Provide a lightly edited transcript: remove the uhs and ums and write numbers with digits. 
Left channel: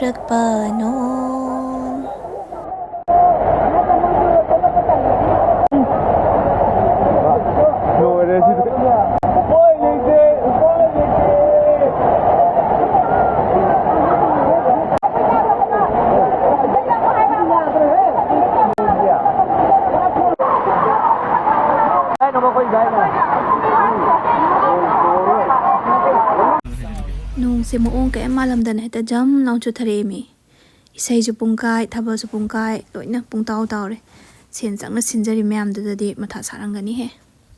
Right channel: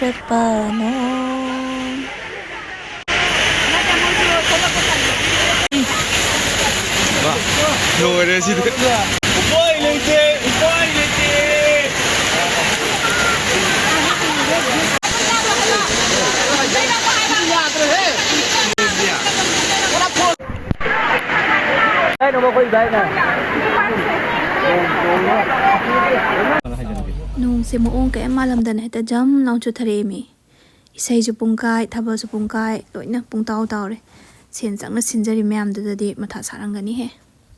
ꯆꯨꯔꯛꯄꯅꯣ ꯂꯣꯏꯔꯦ ꯁꯤꯗ ꯎꯄꯥꯏ ꯂꯩꯇꯦ ꯎꯄꯥꯏ ꯂꯩꯇꯦ ꯅꯣꯡꯁꯦ ꯃꯑꯣꯡ ꯀꯌꯥ ꯃꯥꯜꯂꯝꯗꯅ ꯍꯦꯛꯇ ꯖꯝ ꯂꯥꯎ ꯆꯨꯊꯔꯛꯑꯦꯃꯤ ꯏꯁꯩꯁꯨ ꯄꯨꯡꯀꯥꯏ ꯊꯥꯕꯜꯁꯨ ꯄꯨꯡꯀꯥꯏ ꯂꯣꯏꯅ ꯄꯨꯡꯇꯥꯎ ꯇꯥꯎꯔꯦ ꯁꯦꯟ ꯆꯪꯅ ꯁꯤꯟꯖꯔꯤ ꯃꯌꯥꯝꯗꯨꯗꯗꯤ ꯃꯊꯥ ꯁꯥꯔꯝꯒꯅꯤꯍꯦ